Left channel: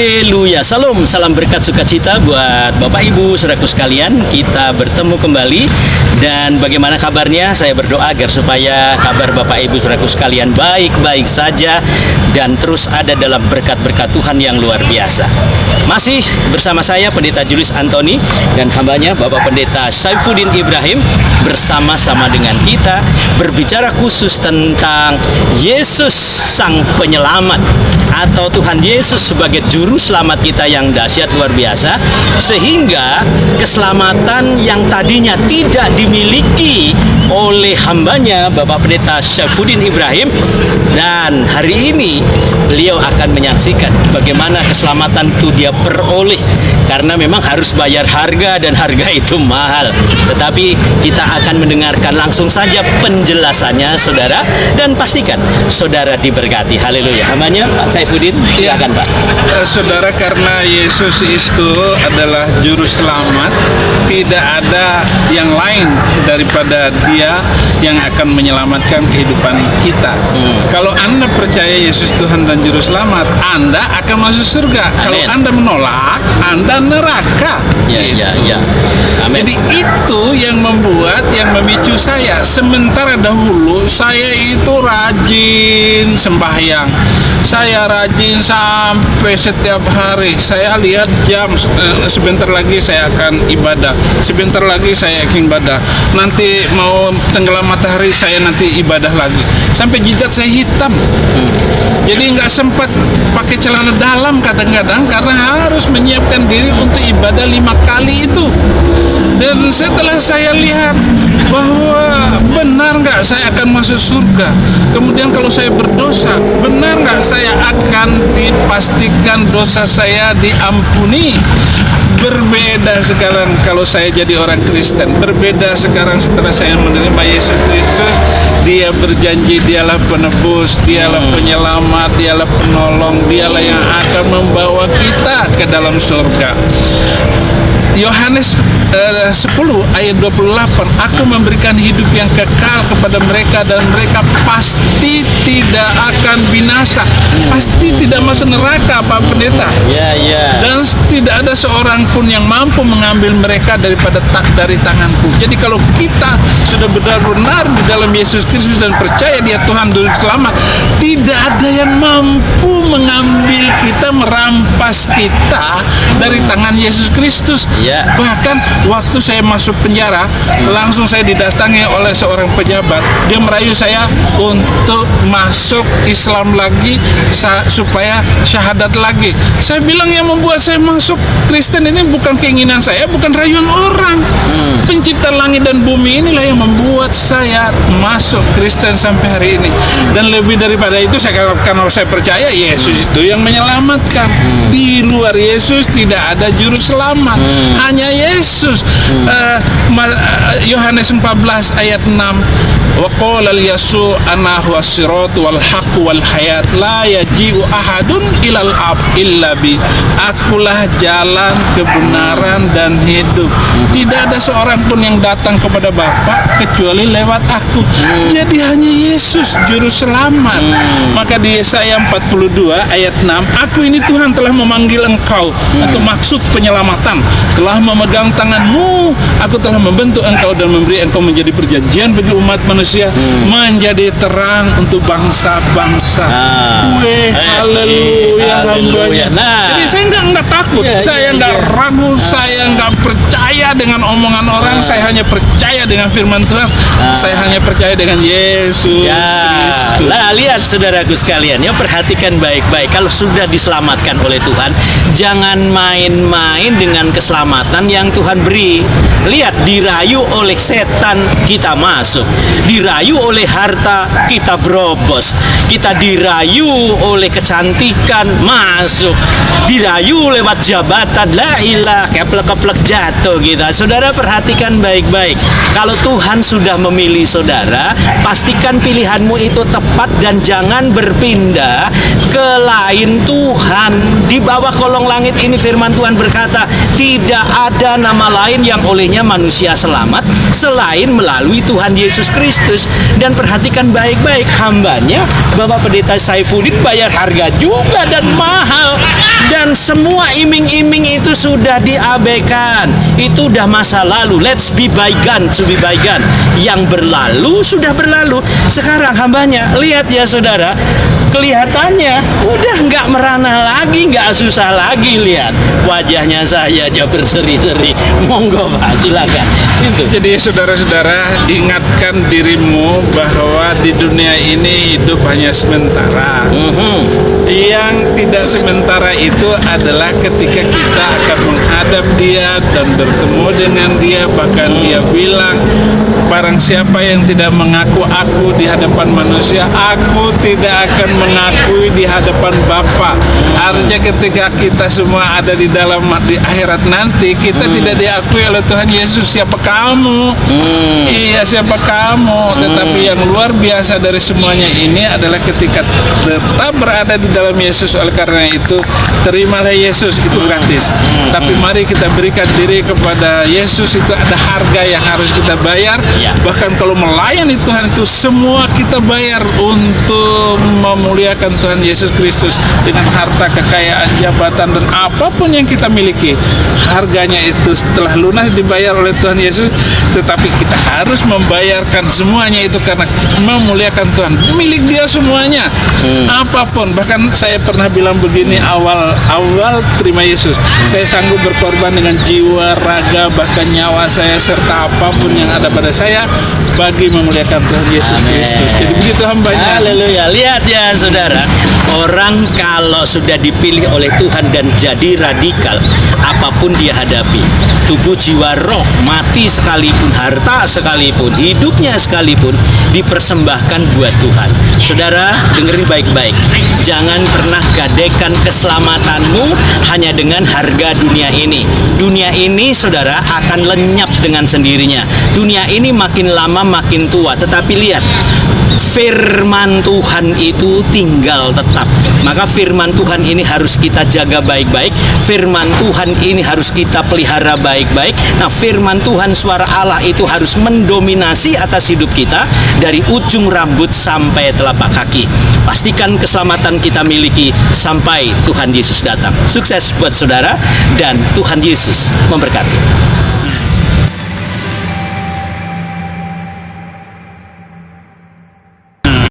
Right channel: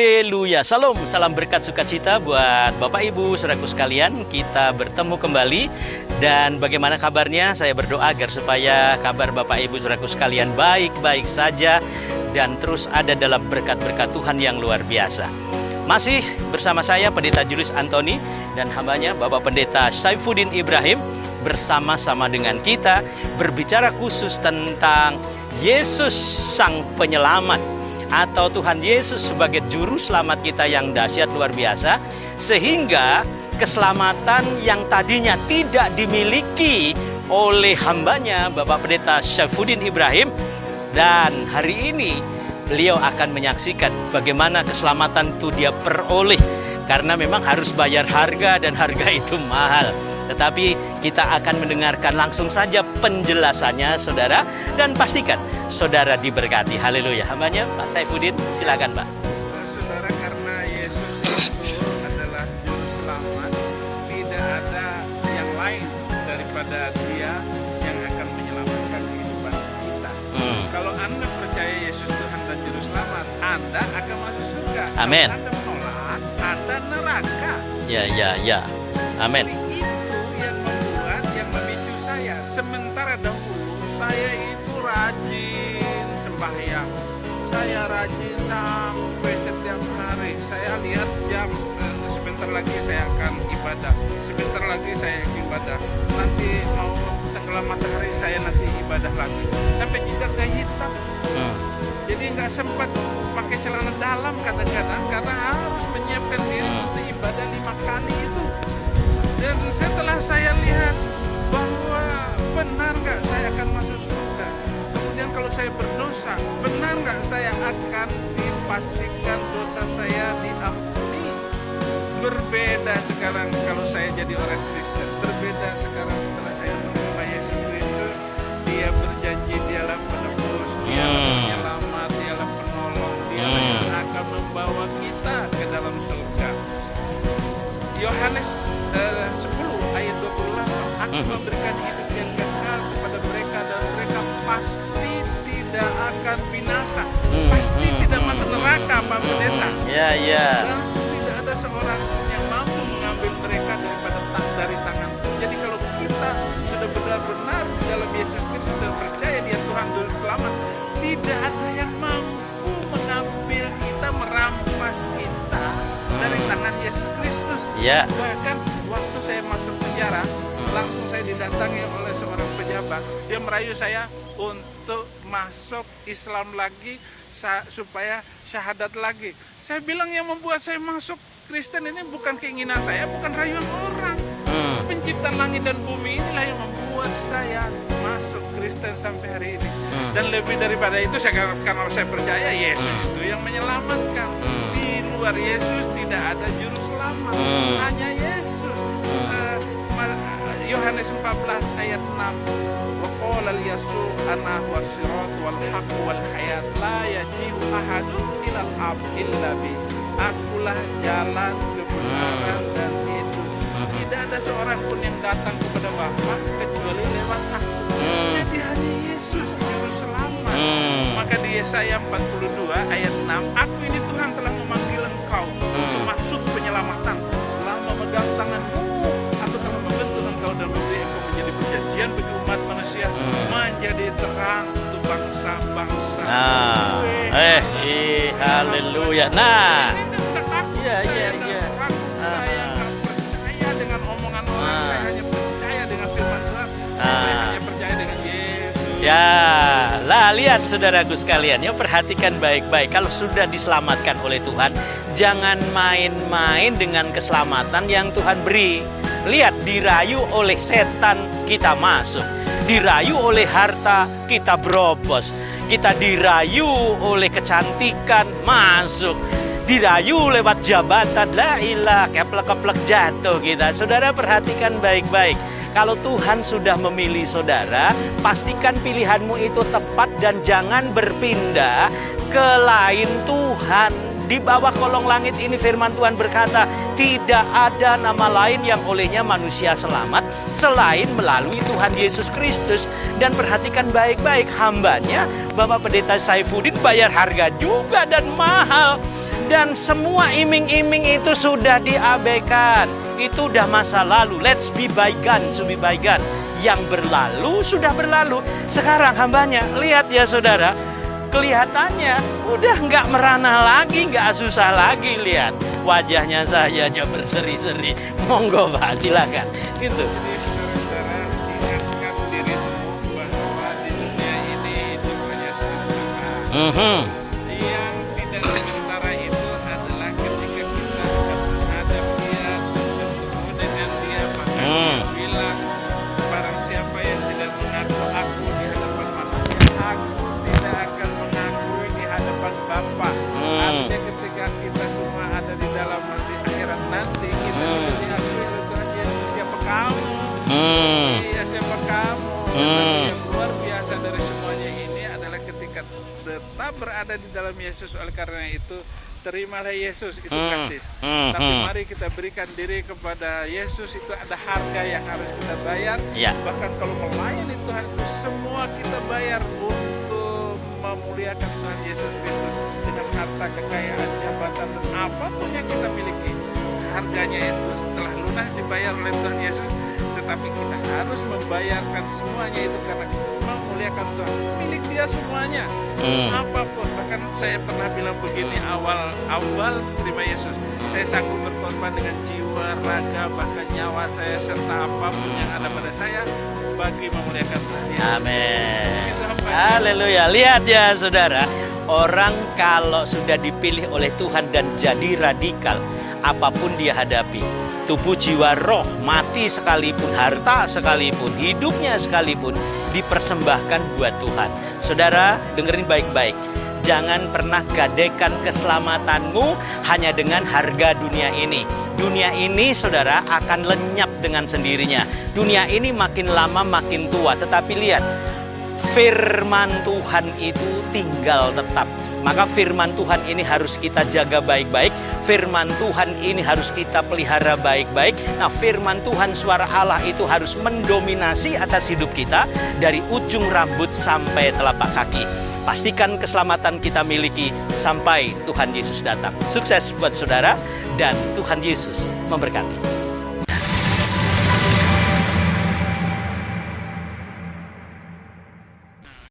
Haleluya. Salam berkat sukacita buat Bapak Ibu saudaraku sekalian. Kita bertemu kembali. Dan bagaimana kabarnya? Saya berdoa agar supaya kabar Bapak Ibu saudaraku sekalian baik-baik saja dan terus ada dalam berkat-berkat Tuhan yang luar biasa. Masih bersama saya Pendeta Julius Antoni dan hambanya Bapak Pendeta Saifuddin Ibrahim, bersama-sama dengan kita berbicara khusus tentang Yesus Sang Penyelamat atau Tuhan Yesus sebagai juru selamat kita yang dahsyat luar biasa, sehingga keselamatan yang tadinya tidak dimiliki oleh hambanya Bapak Pendeta Saifuddin Ibrahim, dan hari ini beliau akan menyaksikan bagaimana keselamatan itu dia peroleh, karena memang harus bayar harga dan harga itu mahal. Tetapi kita akan mendengarkan langsung saja penjelasannya saudara, dan pastikan saudara diberkati. Haleluya. Hambanya Pak Saifuddin, silakan Pak. Saudara, karena Yesus itu adalah juru selamat, tidak ada yang lain daripada Dia yang akan menyelamatkan kehidupan kita. Kalau Anda percaya Yesus Tuhan dan juru selamat, Anda akan masuk surga. Amen. Kalau Anda menolak, Anda neraka. Ya. Amin. Jadi itu yang memicu saya. Sementara dahulu saya itu rajin sembahyang. Saya rajin sampai setiap hari. Saya lihat jam, sebentar lagi saya akan ibadah. Sebentar lagi saya akan ibadah. Nanti mau tenggelam matahari saya nanti ibadah lagi. Sampai jidat saya hitam. Jadi nggak sempat pakai celana dalam kadang-kadang karena harus menyiapkan diri untuk ibadah 5 kali itu. Dan setelah saya lihat bahwa benar nggak saya akan masuk surga, kemudian kalau saya berdosa, benar nggak saya akan dipastikan dosa saya diampuni. Berbeda sekarang kalau saya jadi orang Kristen. Berbeda sekarang setelah saya menerima Yesus Kristus. Dia berjanji Dialah penebus, Dialah penyelamat, Dialah penolong, Dialah yang akan membawa kita ke dalam surga. Yohanes 10 ayat 28, aku memberikan hidup yang kekal kepada mereka dan mereka pasti tidak akan binasa, pasti tidak masuk neraka, Pak Pendeta. Dan tidak ada seorang pun yang mampu mengambil mereka dari tanganku. Jadi kalau kita sudah benar-benar di dalam Yesus Kristus dan percaya Dia Tuhan Juru Selamat, tidak ada yang mampu mengambil kita, merampas kita dari tangan Yesus Kristus. Bahkan waktu saya masuk penjara, langsung saya didatangi oleh seorang pejabat. Dia merayu saya untuk masuk Islam lagi, supaya syahadat lagi. Saya bilang yang membuat saya masuk Kristen ini bukan keinginan saya, bukan rayuan orang. Pencipta langit dan bumi inilah yang membuat saya masuk Kristen sampai hari ini. Dan lebih daripada itu, karena saya percaya Yesus itu yang menyelamatkan. Di luar Yesus tidak ada juru selamat, hanya Yesus. Yohanes 14 ayat 6, wa qala al-yasu ana huwa sirat wal haq wal hayat la yaji'u ahadun ilal ab illa bi. Akulah jalan, kebenaran dan hidup. Tidak ada seorang pun yang datang kepada Bapa kecuali lewat aku. Jadi hanya Yesus juru selamat. Maka di Yesaya 42 ayat 6, aku ini Tuhan telah memanggil engkau untuk maksud penyelamatan, telah memegang tanganmu, aku telah membentuk engkau dan memberi engkau menjadi perjanjian bagi umat manusia, menjadi terang untuk bangsa-bangsa. Haleluya. Jadi saya nggak takut, saya nggak ragu, saya nggak percaya dengan omongan orang, saya hanya percaya dengan firman Tuhan, saya hanya percaya dengan Yesus Kristus. Nah, lihat saudaraku sekalian, ya, perhatikan baik-baik. Kalau sudah diselamatkan oleh Tuhan, jangan main-main dengan keselamatan yang Tuhan beri. Lihat, dirayu oleh setan kita masuk, dirayu oleh harta kita berobos, kita dirayu oleh kecantikan masuk, dirayu lewat jabatan, la ilah, keplek-keplek jatuh kita. Saudara perhatikan baik-baik. Kalau Tuhan sudah memilih saudara, pastikan pilihanmu itu tepat dan jangan berpindah ke lain Tuhan. Di bawah kolong langit ini firman Tuhan berkata, tidak ada nama lain yang olehnya manusia selamat selain melalui Tuhan Yesus Kristus. Dan perhatikan baik-baik, hambanya Bapak Pendeta Saifuddin bayar harga juga dan mahal. Dan semua iming-iming itu sudah diabaikan. Itu udah masa lalu. Let's be bygone to be bygone. Yang berlalu sudah berlalu. Sekarang hambanya, lihat ya saudara, kelihatannya udah nggak merana lagi, nggak susah lagi. Lihat wajahnya saya aja berseri-seri. Monggo Pak, silakan. Itu. Jadi saudara-saudara, ingatkan dirimu bahwa di dunia ini hidup hanya sementara. Yang tidak sementara itu adalah ketika kita akan menghadap Dia dan bertemu dengan Dia. Bahkan Dia bilang, barang siapa yang tidak mengaku aku di hadapan manusia, aku tidak akan mengakui di hadapan Bapa. Artinya ketika kita semua ada di dalam di akhirat nanti, kita tidak diakui oleh Tuhan Yesus. Siapa kamu? Iya, siapa kamu? Tetapi yang luar biasa dari semuanya ini adalah ketika tetap berada di dalam Yesus. Oleh karena itu, terimalah Yesus, itu gratis. Tapi mari kita berikan diri kepada Yesus. Itu ada harga yang harus kita bayar. Bahkan kalau melayani Tuhan itu semua kita bayar untuk memuliakan Tuhan Yesus Kristus. Dengan harta, kekayaan, jabatan, dan apapun yang kita miliki, harganya itu setelah lunas dibayar oleh Tuhan Yesus. Tetapi kita harus membayarkan semuanya itu karena memuliakan Tuhan. Milik Dia semuanya, apapun. Bahkan saya pernah bilang begini, awal terima Yesus, saya sanggup berkorban dengan jiwa, raga, bahkan nyawa saya, serta apapun yang ada pada saya bagi memuliakan Tuhan Yesus Kristus. Jadi begitu hambanya. Haleluya. Lihat ya saudara, orang kalau sudah dipilih oleh Tuhan dan jadi radikal, apapun dia hadapi, tubuh, jiwa, roh, mati sekalipun, harta sekalipun, hidupnya sekalipun, dipersembahkan buat Tuhan. Saudara, dengerin baik-baik. Jangan pernah gadekan keselamatanmu hanya dengan harga dunia ini. Dunia ini, saudara, akan lenyap dengan sendirinya. Dunia ini makin lama makin tua. Tetapi lihat, firman Tuhan itu tinggal tetap. Maka firman Tuhan ini harus kita jaga baik-baik. Firman Tuhan ini harus kita pelihara baik-baik. Nah, firman Tuhan, suara Allah itu harus mendominasi atas hidup kita dari ujung rambut sampai telapak kaki. Pastikan keselamatan kita miliki sampai Tuhan Yesus datang. Sukses buat saudara dan Tuhan Yesus memberkati.